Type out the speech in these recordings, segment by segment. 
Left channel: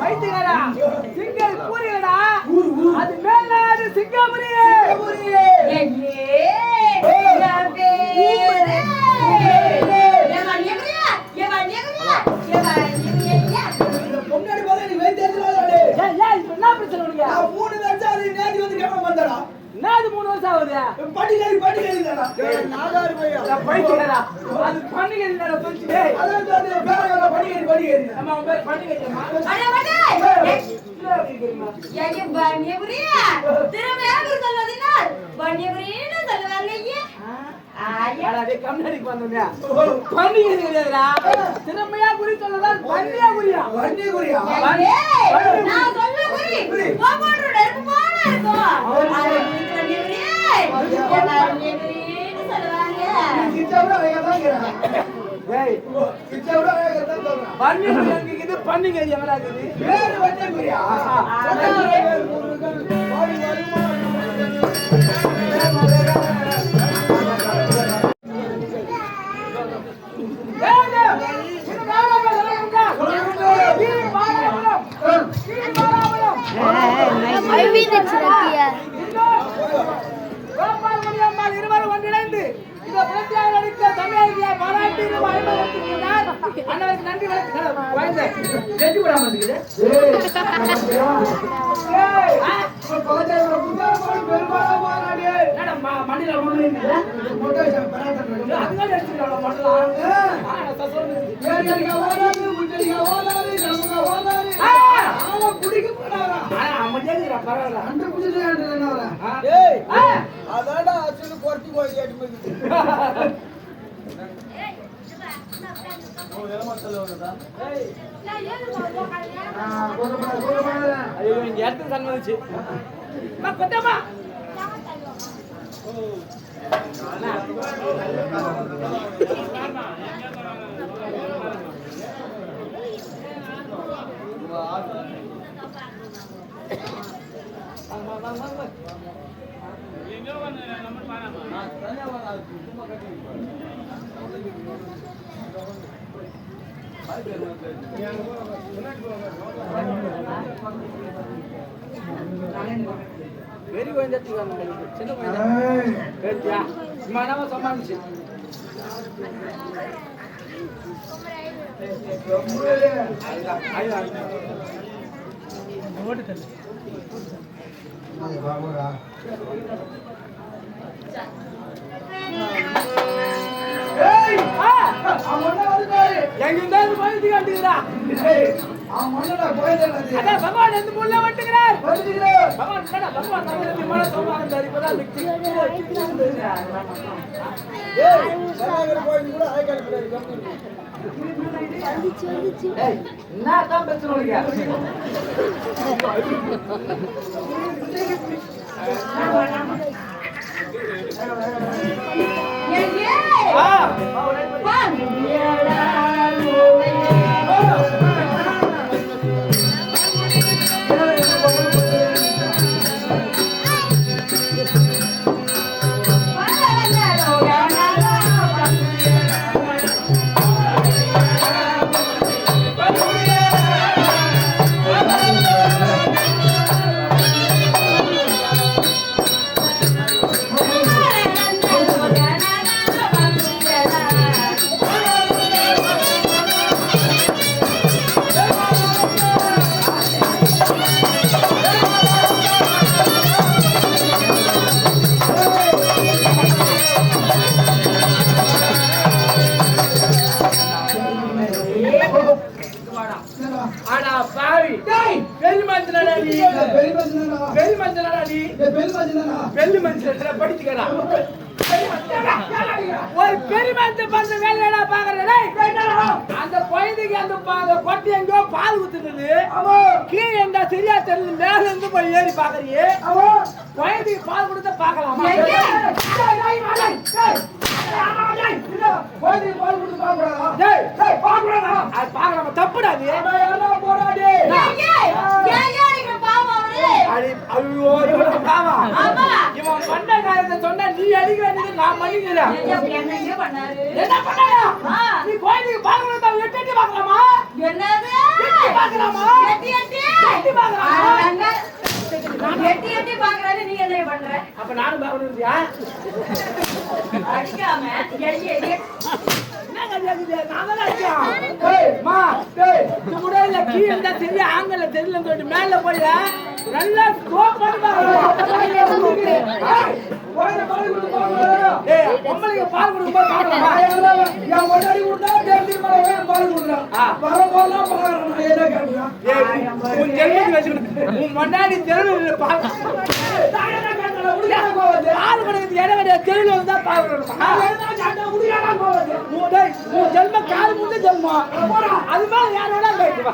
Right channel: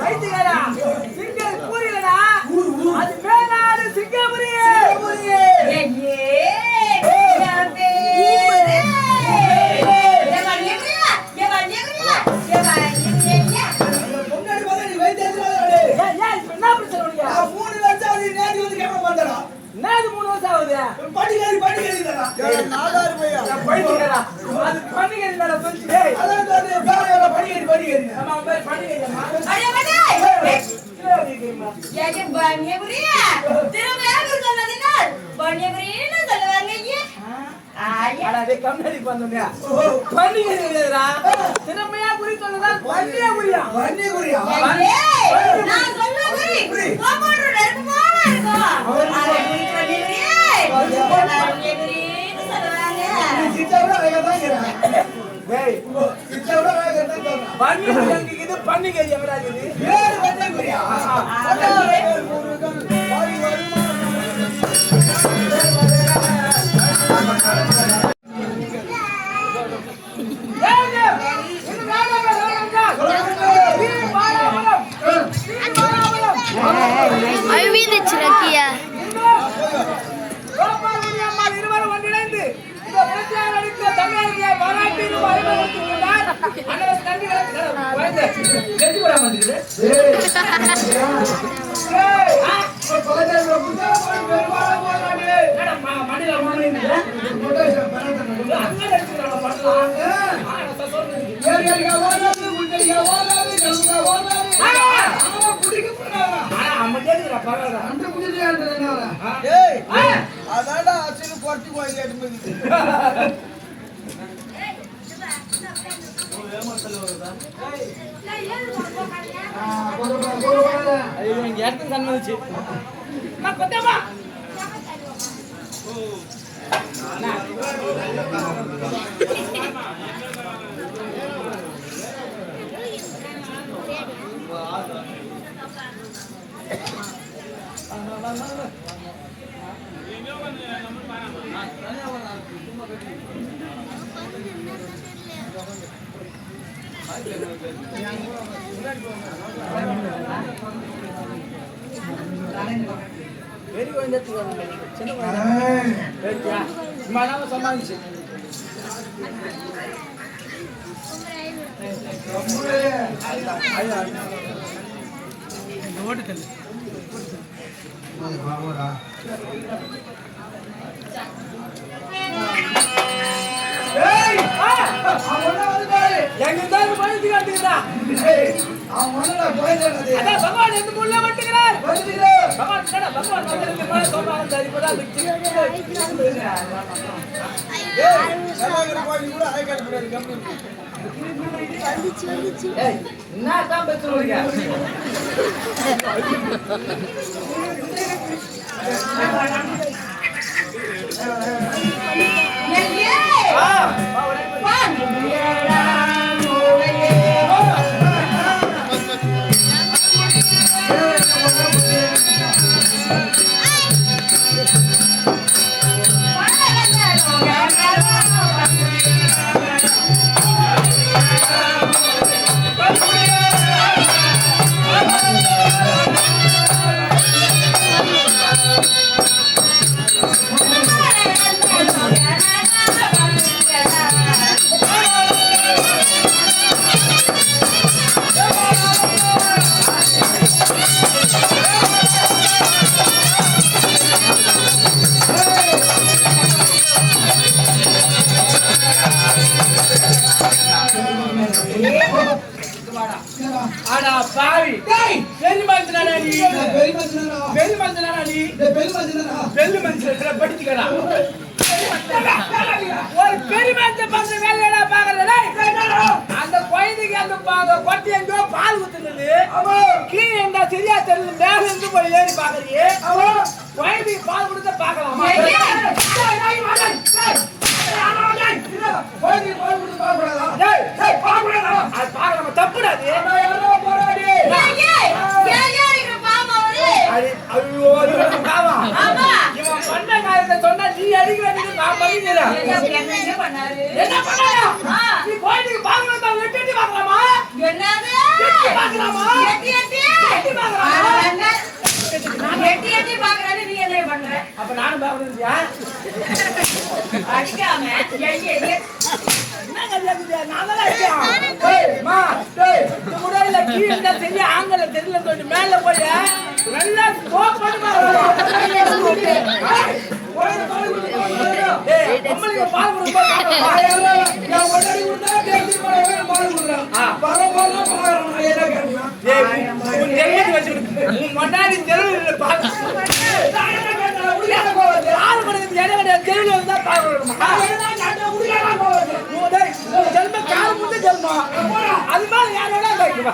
வைத்தியரா சிங்கல் பூரியடா அது மேலாடு சிங்கபுரி நேது 3 வருஷம் ஆகுது பண்டிகை தானா நாடாரு பையா பண்டிகை அது பண்டிகை இல்ல சொல்லிட்டே அதான் வேற பண்டிகை நம்ம பேர் பண்டிகை அடே மடே ஏங்க பண்டிகைபுரியா திருவேங்கூர் சொன்னதினால் பண்டிகைபுரின்னு சொல்லுவாங்க ஐயா அடே கம்பெனிக்கு வந்தோங்க பண்டிகை இல்லடா திருமையா குறி சொல்லதான் பண்டிகைபுரியா நான் சொல்லுறேன் கோபோடு நெருப்பு போல இருக்கும் பண்டிகை எங்கடா இருவரும் ஒன்றிணைந்து பாராட்டி அதான்டா அசல் குறைச்சி இடத்துக்கு சன்மதிச்சு கொத்தமா வெரி சமாளிச்சு ஒரு பெருமாத்த பார்த்த வேலையா பாக்குறேன் அந்த குழந்தைக்கு அந்த கொட்டி எங்கோ பால் ஊத்துறது கீழே எங்க சரியா தெரியுது மேல இருந்து போய் ஏறி பாக்குறீங்க குழந்தைக்கு பால் கொடுத்த பாக்கலாமா தப்புடாது இவன் பண்ண காரியத்தை சொன்னா நீ அடிக்கிற நான் பண்ணிக்கிறேன் என்ன பண்ண நீ கோயிலுக்கு பாக்கணும் விட்டு பார்க்கலாமா என்னது பாக்கலாமா? எட்டி எட்டி எட்டி எட்டி பாக்குறானே நீ என்ன பண்ற? அப்ப நானும் பாக்கணும்யா? அடிக்காம எட்டி எட்டி என்ன கல்யாணம் நான் தான் அடிச்சேன். டேய் மா டேய் இந்த முறையில கீழ தெரிய ஆங்கல தெரியல போய் மேல போய் நல்லா ஸ்கோப் பண்ணி பாருங்க. ஏய் அம்மாக்கு பால் கொடுப்பா நான் ஒடடி கொடுத்தா டேய் பால் கொடுறேன். பரவாயில்லை பாக்குறேன் என்ன கேக்குறேன். ஏய் உன் ஜெல்லி வச்சிருக்கு. உன் மண்ணாடி ஜெல்லி பால். பால் கொடுக்கிறது என்ன கிடையாது. ஜெல்லி வந்தா பால் கொடுக்கணும். நான் உடியாடா போறது. டேய் ஜெல்ம கால் முந்து ஜெல்மா. அது மேல யாரோட கேக்குவா.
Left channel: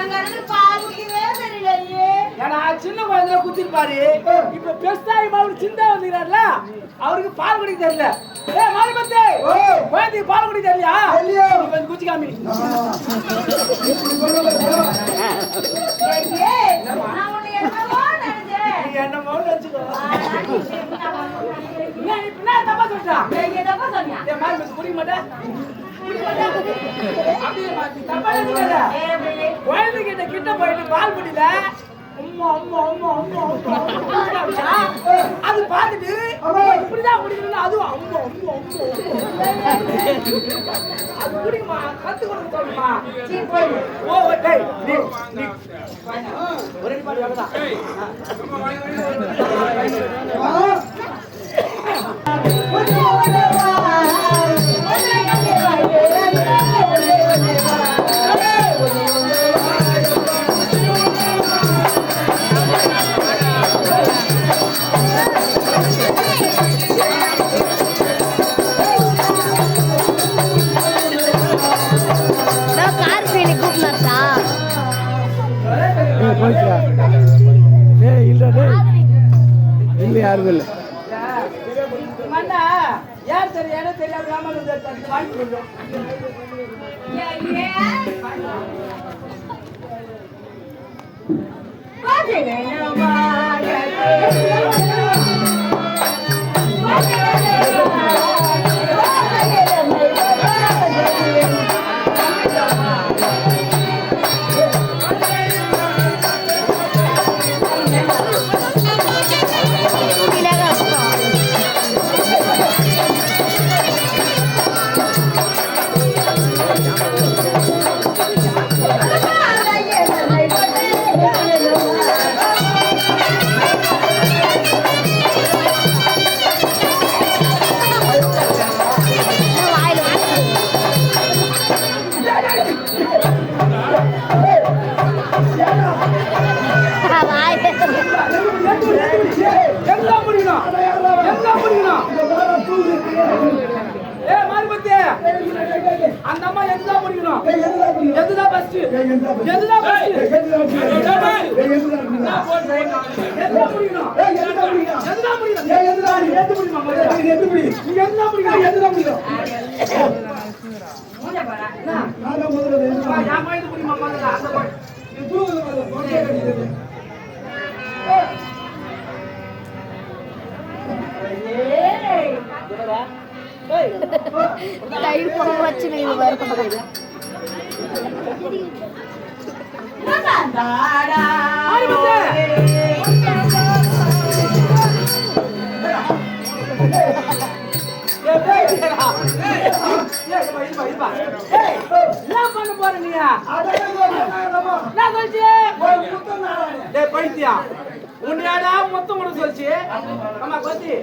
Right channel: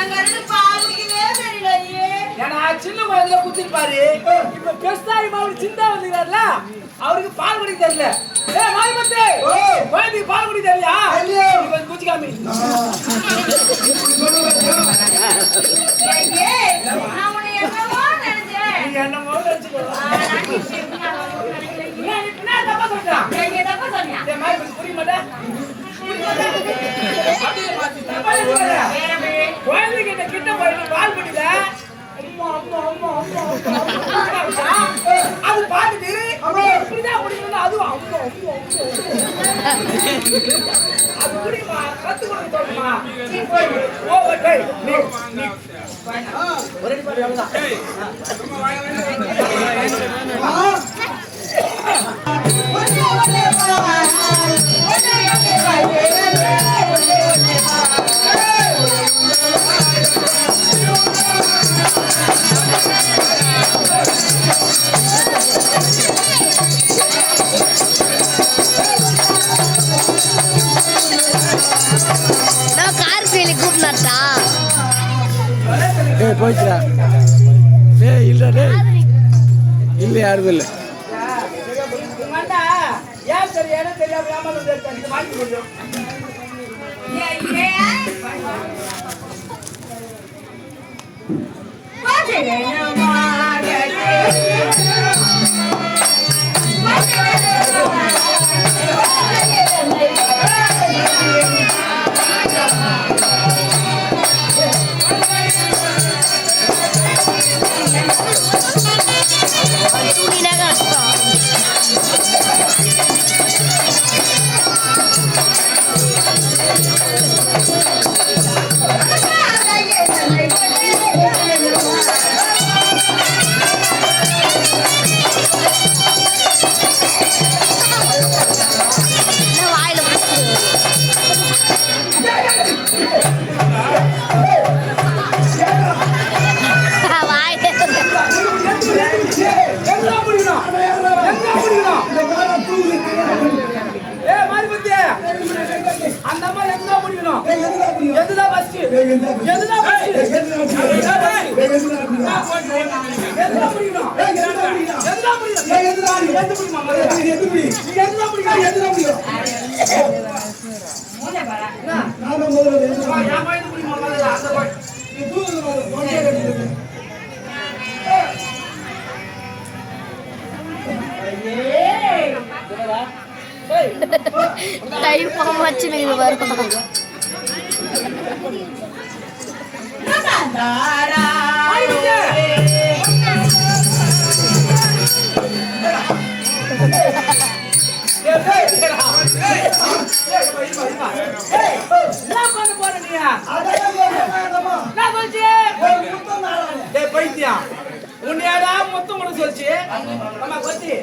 எங்க இருந்து பால் குடிக்கவே தெரியலையே. ஏன்னா சின்ன குழந்தைல குடிச்சு பாரு. இப்ப பெருசாகி மாதிரி சின்ன வந்தீங்கல்ல அவருக்கு பால் குடிக்க தெரியல. ஏய் மாரிமத்தே குழந்தைக்கு பால் குடிக்க தெரியலையா? இப்ப குச்சி காமி. நான் உன்னை என்னமோ நினைச்சேன். நீங்க என்னமோ நினைச்சுக்கோ. நீ என்ன தப்பா சொல்றா? நீங்க தப்பா சொன்னியா? ஏய் மாரிமத்தே புரிய மாட்டே. குழந்தைகிட்ட கிட்ட போயிட்டு பால் குடிக்கல. அம்மா அம்மா அம்மா அம்மா அது பாத்துட்டு இப்படிதான் குடிக்கணும். அதுவும் அம்மா அம்மா அது குடிமா கத்து கொடுக்க சொல்லுமா. ஓ டேய் நீ ஒரே மாதிரி அவ்வளவுதான். போயிடுச்சா? இல்லை இல்லை யாரும் இல்லை. ஏன் சரி எனக்கு தெரியாம ஏமாந்து வாங்கி கொடுக்கும். அந்த அம்மா எதுதான் முடிக்கணும்? எதுதான் ஃபர்ஸ்ட்? எதுதான் ஃபர்ஸ்ட்? எதுதான் முடிக்கணும்? எதுதான் முடிக்கணும்? டைம் போக வச்சு நீங்க வரும். பைத்தியா உன்னையாடா மொத்தம் கூட சொல்லிச்சு. ஆமா கொத்தி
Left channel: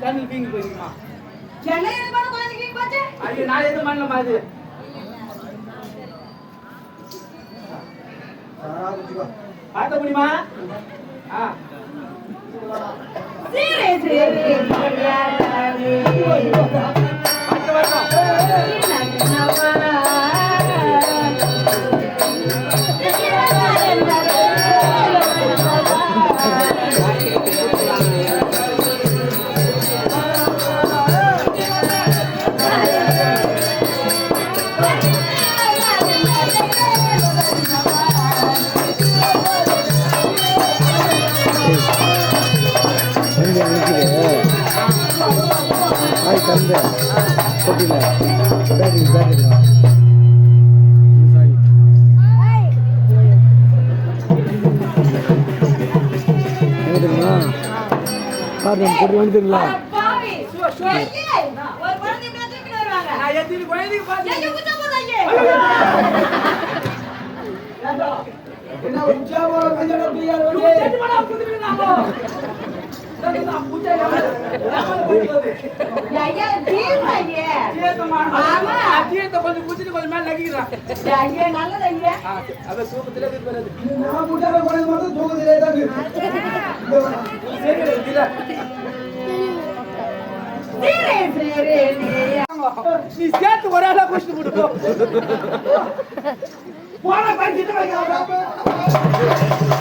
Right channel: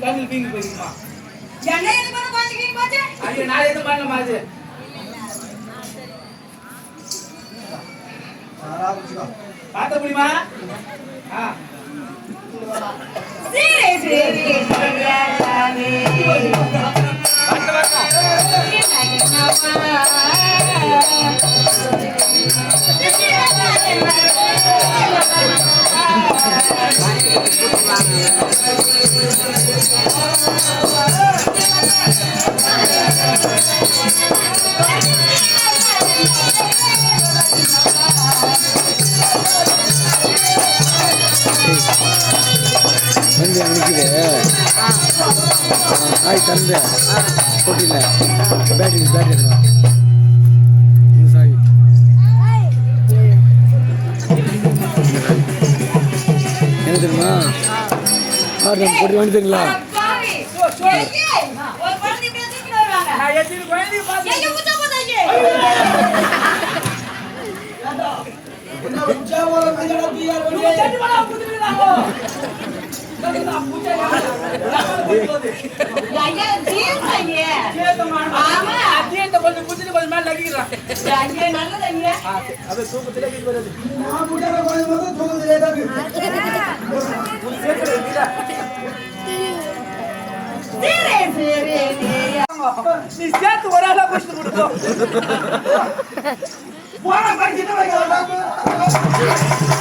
கண்ணில் வீங்கி போயிருக்குமா? என்ன இது பண்ண குழந்தைக்கு போச்சு? ஐயோ நான் எதுவும் பண்ண மாதிரி பார்த்த முடியுமா? சீரே சீரே வண்டி அனுப்பிது ஆய் தந்து போட்டியில் பேட்டரி எடுக்கலாம் சாய் என்ன தெரியுமா நம்ம போட்டி வண்டி தெரியுங்களா பாவி ஐயே ஒரு குழந்தை இப்படி தூக்கிட்டு வருவாங்க நான் எத்தனை குழந்தைங்க பார்த்து எங்க குச்சா போதாங்க ஐயா ஜீவன் ஐயா ஆமா அத்தியத்தை கொஞ்சம் குச்சிட்டு கொஞ்சம் மேல நகிக்கிறான். ஐயா நல்லது ஐயா அது தூக்கத்திலே போய் வருது. சீரே சீரே நீ சேர்த்து ஒரு ஆளா குடிச்சிட்டு போட்டு போ. போன படிக்கிட்டு வைக்க